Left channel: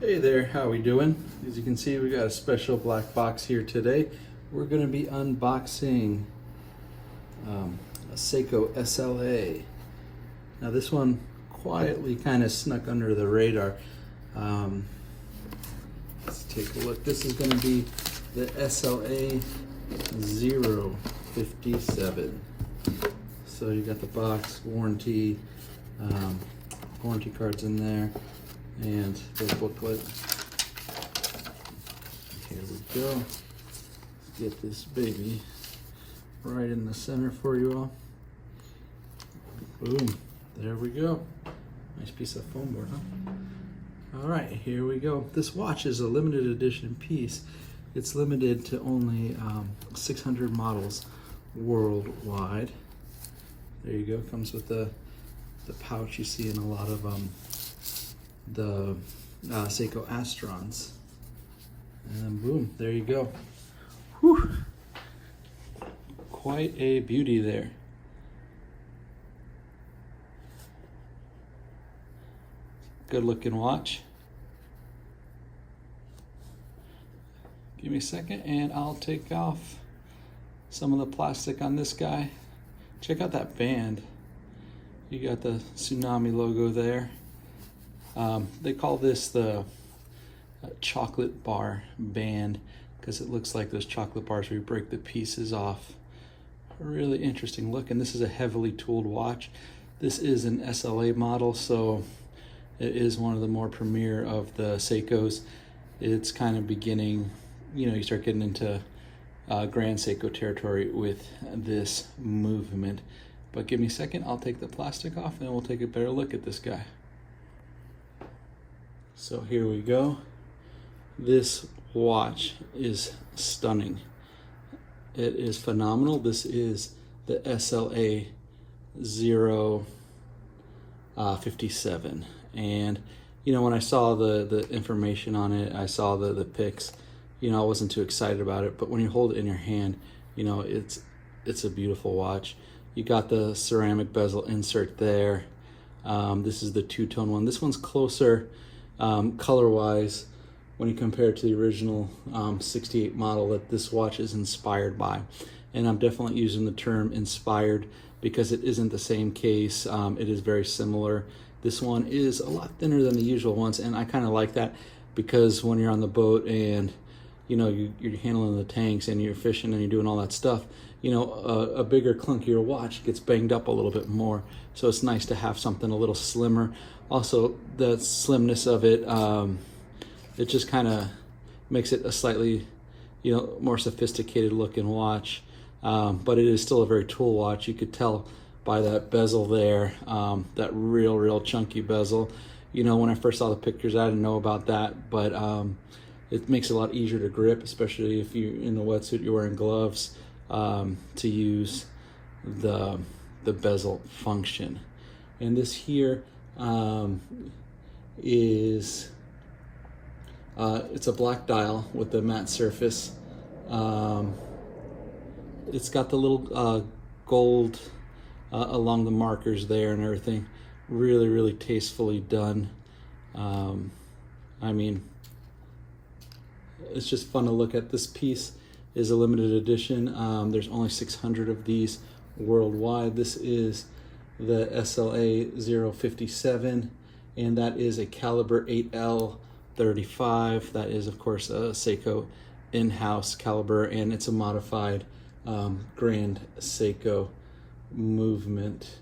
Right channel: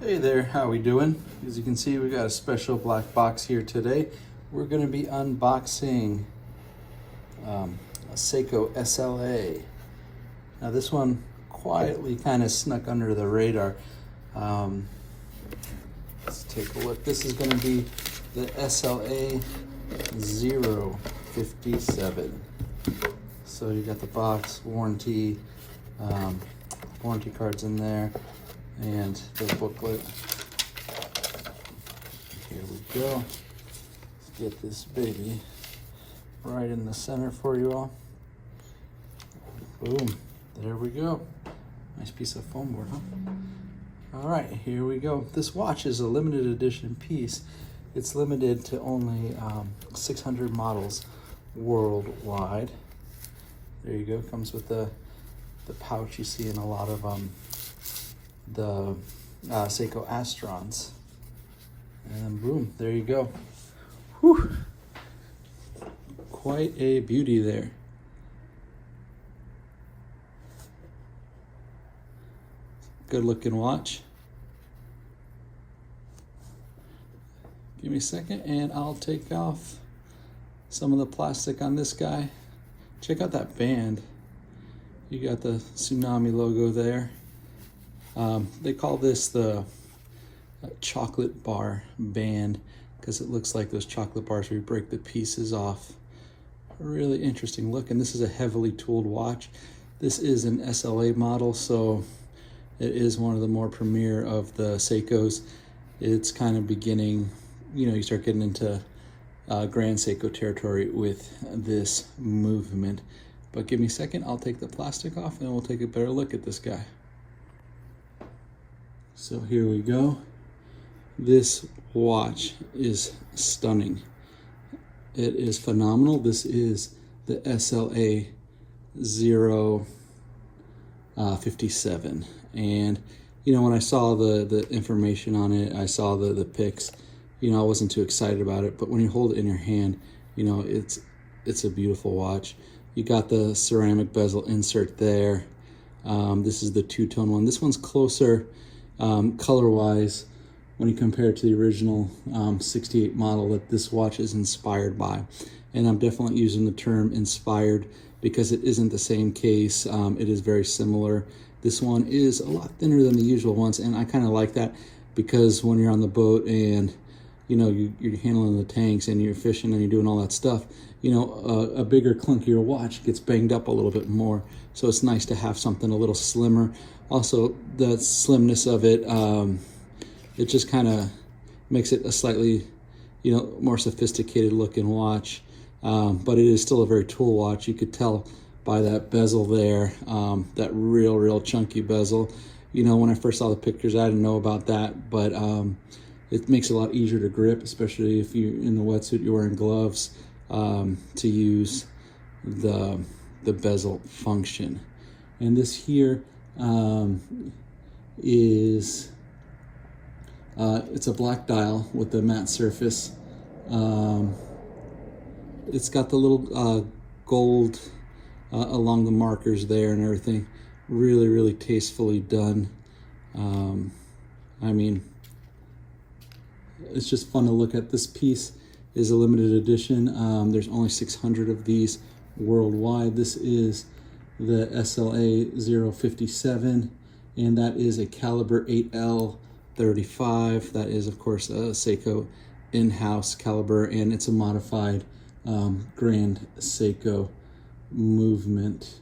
Hey there, how we doing? As you can see, we got a special black box here today. We're going to be unboxing a Seiko SLA. Now this one quietly kind of snuck under the radar. Let's take a look. This is going to be the SLA057. So you got the box, warranty cards in there, and the booklet. Here we go. Let's get this baby right in the center for you all. Boom. There we go. Nice piece of foam board, huh? All right, here we go. This watch is a limited edition piece. It's limited to only 600 models worldwide. There you go. Comes with the pouch you see in a lot of the Seiko Astrons. And boom, there you go. Whew. Quite a beauty there. Good looking watch. Give me a second and I'll take off some of the plastic on this guy. Check out that band. You got the Tsunami logo there. They call this the chocolate bar band because it looks like those chocolate bars where you break the pieces off. A really interesting look, and this is a heavily tooled watch. This is an SLA model, so it is one of the more premier of the Seikos. It's kind of beginning, you start getting into Grand Seiko territory with this movement. But give me a second, I'll take the plastic off and we'll take a better look at this guy. So here we go. This watch is stunning. It is phenomenal. This is the SLA057. And when I saw the information on it, I saw the pics, I wasn't too excited about it, but when you hold it in your hand, it's a beautiful watch. You got the ceramic bezel insert there. This is the two-tone one. This one's closer color-wise when you compare it to the original 68 model that this watch is inspired by. And I'm definitely using the term inspired because it isn't the same case. It is very similar. This one is a lot thinner than the usual ones, and I kind of like that because when you're on the boat and you're handling the tanks and you're fishing and you're doing all that stuff, a bigger, clunkier watch gets banged up a little bit more. So it's nice to have something a little slimmer. Also, the slimness of it, it just kind of makes it a slightly, more sophisticated looking watch. But it is still a very tool watch. You could tell by that bezel there, that real chunky bezel. When I first saw the pictures, I didn't know about that, but it makes it a lot easier to grip, especially if you're in the wetsuit, you're wearing gloves, to use the bezel function. And this here is it's a black dial with the matte surface. It's got the little gold along the markers there and everything. Really tastefully done. I mean, it's just fun to look at. This piece is a limited edition. There's only 600 of these worldwide. This is the SLA057, and that is a caliber 8L35. That is, of course, a Seiko in-house caliber, and it's a modified Grand Seiko movement.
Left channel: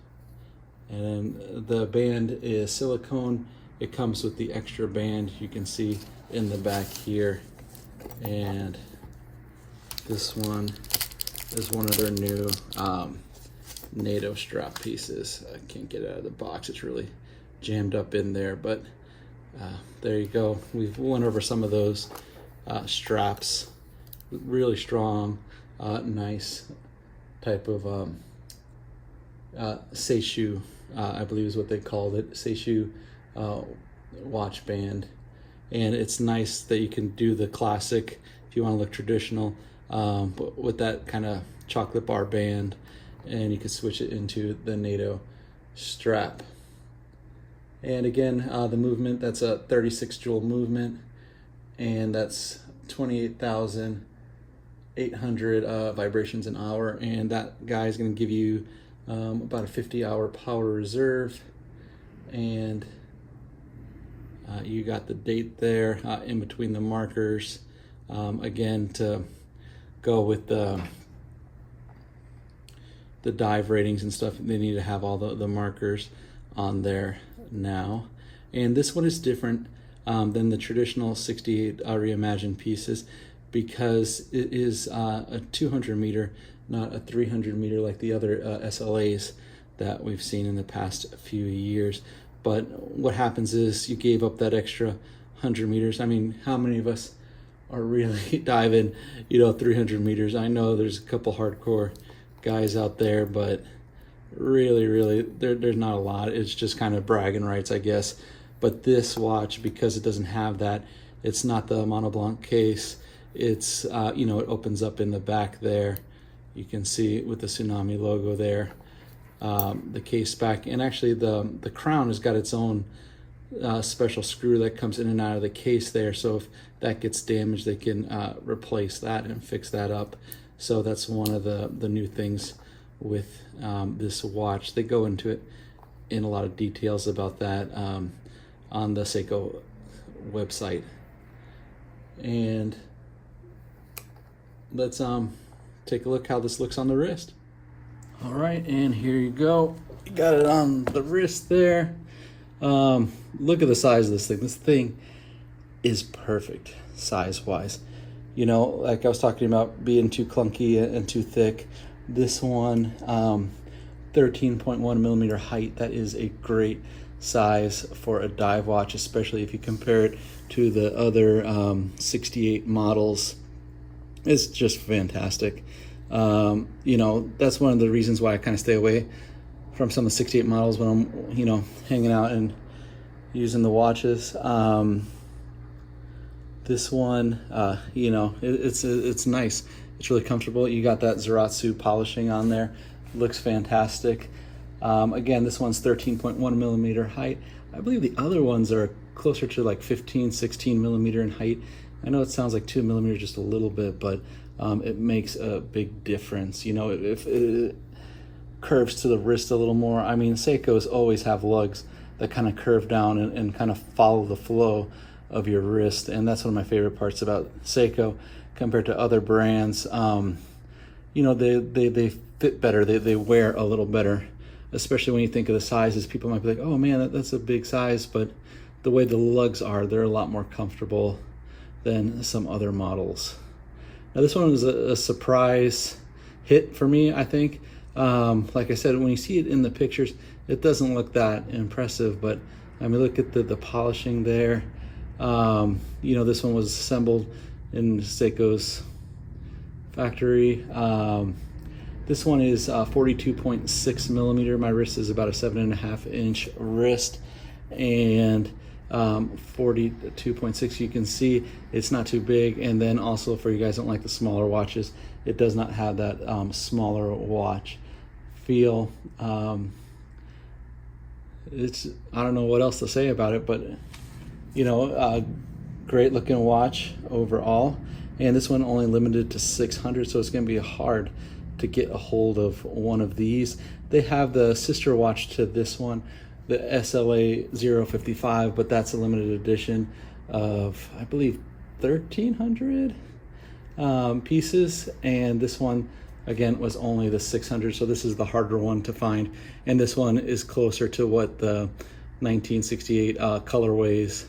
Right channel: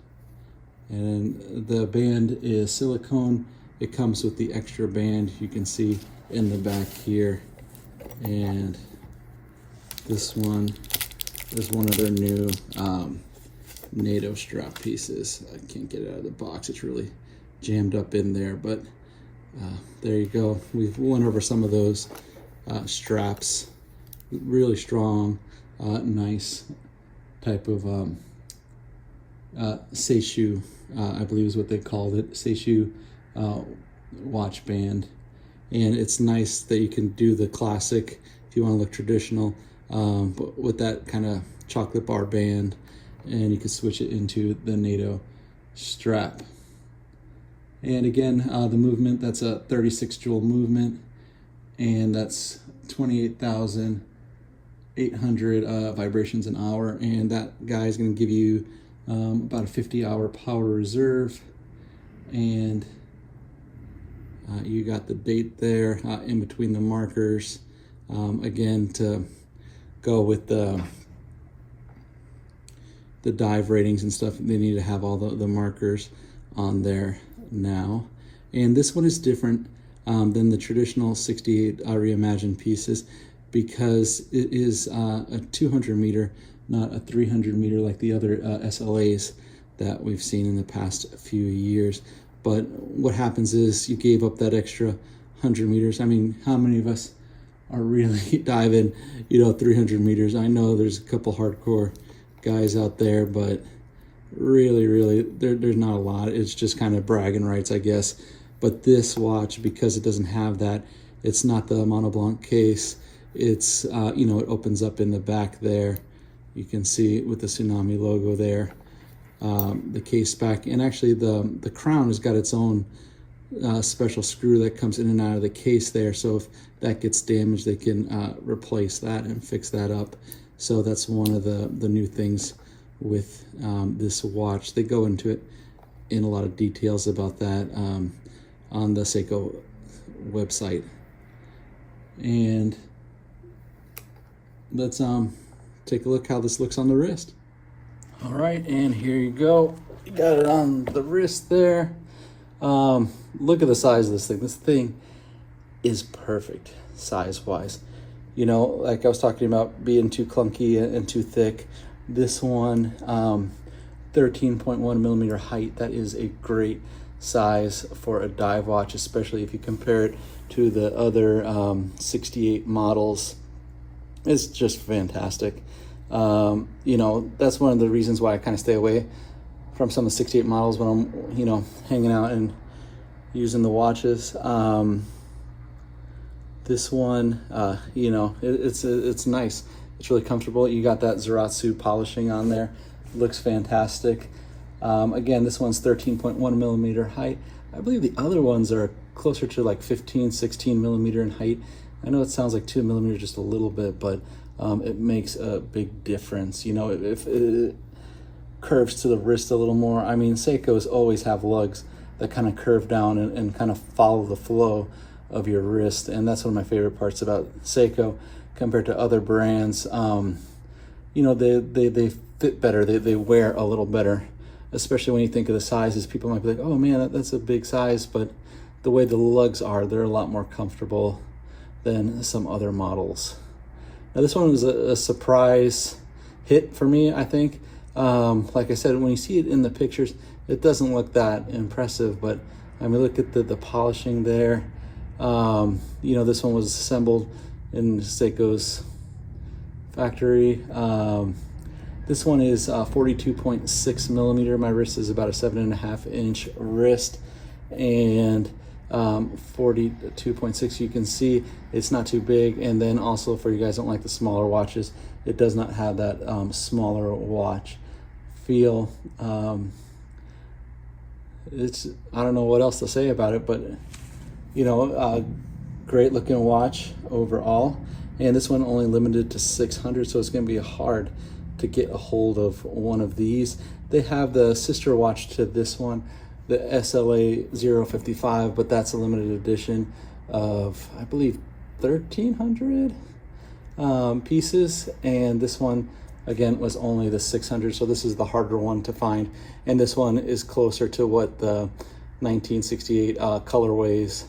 And the band is silicone. It comes with the extra band you can see in the back here. And this one is one of their new NATO strap pieces. I can't get it out of the box. It's really jammed up in there, but there you go. We've went over some of those straps. Really strong, nice type of Seishu, I believe is what they called it, Seishu watch band. And it's nice that you can do the classic if you want to look traditional, but with that kind of chocolate bar band, and you can switch it into the NATO strap. And again, the movement, that's a 36 joule movement, and that's 28,800 vibrations an hour. And that guy is going to give you about a 50-hour power reserve. And you got the date there in between the markers. Again, to go with the dive ratings and stuff, they need to have all the markers on there now. And this one is different than the traditional 68 reimagined pieces, because it is a 200 meter, not a 300 meter like the other SLAs that we've seen in the past few years. But what happens is you gave up that extra 100 meters. I mean, how many of us are really diving, 300 meters? I know there's a couple hardcore guys out there, but really, there's not a lot. It's just kind of bragging rights, I guess. But this watch, because it doesn't have that, it's not the Montblanc case. It's, it opens up in the back there. You can see with the Tsunami logo there. The case back, and actually the crown has got its own special screw that comes in and out of the case there, so if that gets damaged, they can replace that and fix that up. So that's one of the new things with this watch. They go into it in a lot of details about that on the Seiko website. And let's take a look how this looks on the wrist. All right, and here you go. You got it on the wrist there. Look at the size of this thing. This thing is perfect size-wise. Like I was talking about being too clunky and too thick. This one, 13.1 millimeter height. That is a great size for a dive watch, especially if you compare it to the other 68 models. It's just fantastic. That's one of the reasons why I kind of stay away from some of the 68 models when I'm, hanging out and using the watches. This one, it's nice. It's really comfortable. You got that Zaratsu polishing on there. Looks fantastic. Again, this one's 13.1 millimeter height. I believe the other ones are closer to like 15, 16 millimeter in height. I know it sounds like 2 millimeters just a little bit, but it makes a big difference. If it curves to the wrist a little more. I mean, Seikos always have lugs that kind of curve down and kind of follow the flow of your wrist, and that's one of my favorite parts about Seiko compared to other brands. They fit better. They wear a little better, especially when you think of the sizes. People might be like, oh man, that's a big size, but the way the lugs are, they're a lot more comfortable than some other models. Now this one was a surprise hit for me, I think. Like I said, when you see it in the pictures, it doesn't look that impressive, but I mean, look at the polishing there. This one was assembled in Seiko's factory. This one is 42.6 millimeter. My wrist is about a 7.5 inch wrist, and 42.6, you can see it's not too big. And then also, for you guys who don't like the smaller watches, it does not have that smaller watch feel. I don't know what else to say about it, but great looking watch overall. And this one only limited to 600, so it's going to be hard to get a hold of one of these. They have the sister watch to this one, the SLA057, but that's a limited edition of, I believe, 1,300 pieces. And this one, again, was only the 600, so this is the harder one to find. And this one is closer to what the 1968 colorways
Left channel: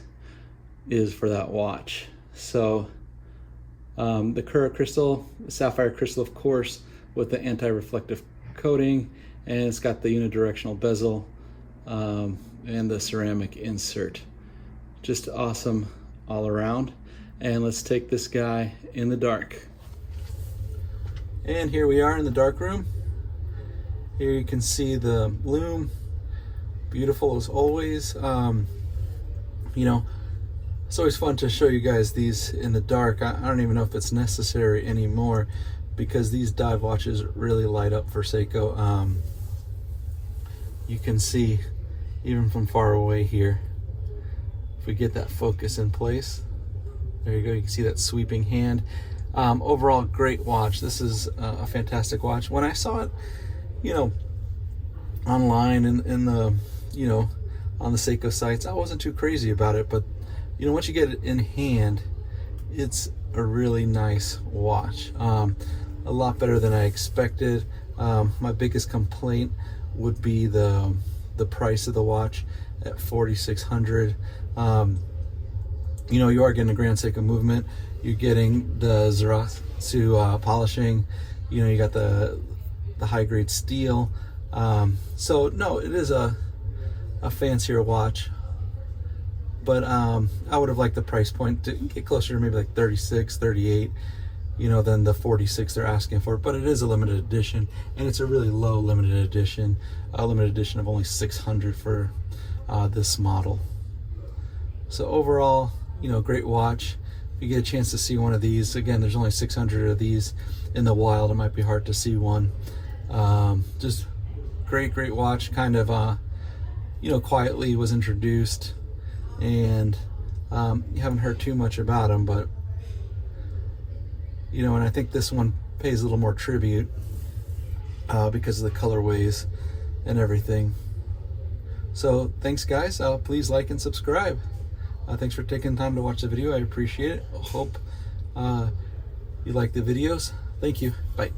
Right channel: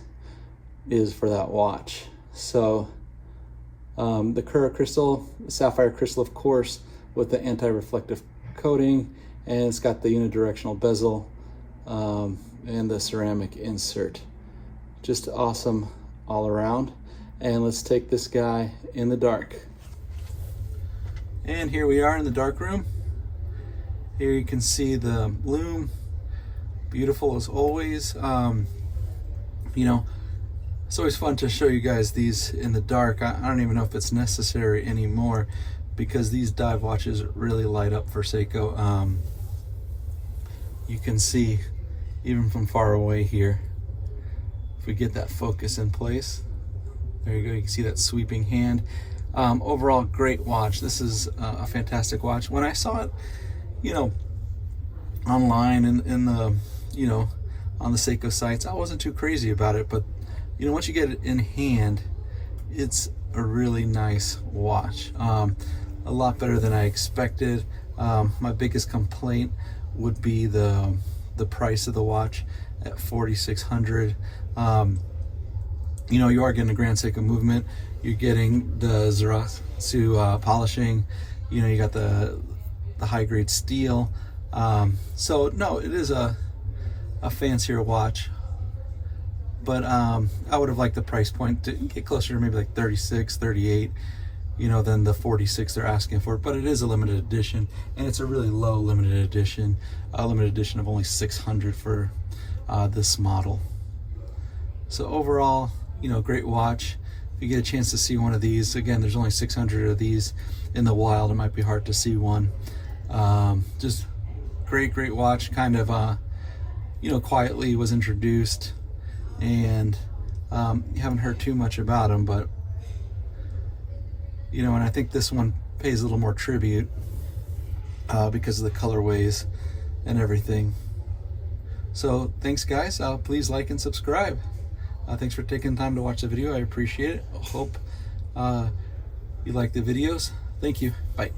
is for that watch. So the Cura crystal, sapphire crystal, of course, with the anti-reflective coating, and it's got the unidirectional bezel and the ceramic insert. Just awesome all around. And let's take this guy in the dark. And here we are in the dark room. Here you can see the lume, beautiful as always. It's always fun to show you guys these in the dark. I don't even know if it's necessary anymore, because these dive watches really light up for Seiko. You can see even from far away here. If we get that focus in place, there you go, you can see that sweeping hand. Overall, great watch. This is a fantastic watch. When I saw it, you know, online in the, you know, on the Seiko sites, I wasn't too crazy about it, but you know, once you get it in hand, it's a really nice watch. A lot better than I expected. My biggest complaint would be the price of the watch at $4,600. You know, you are getting a Grand Seiko movement. You're getting the Zaratsu polishing. You know, you got the high grade steel. So no, it is a fancier watch. But I would have liked the price point to get closer to maybe like 36, 38, you know, than the 46 they're asking for. But it is a limited edition, and it's a really low limited edition. A limited edition of only 600 for this model. So overall, you know, great watch. If you get a chance to see one of these, again, there's only 600 of these in the wild. It might be hard to see one. Just great watch. Kind of, you know, quietly was introduced, and you haven't heard too much about them, but you know, and I think this one pays a little more tribute because of the colorways and everything. So thanks guys, please like and subscribe. Thanks for taking time to watch the video. I appreciate it. Hope you like the videos. Thank you. Bye.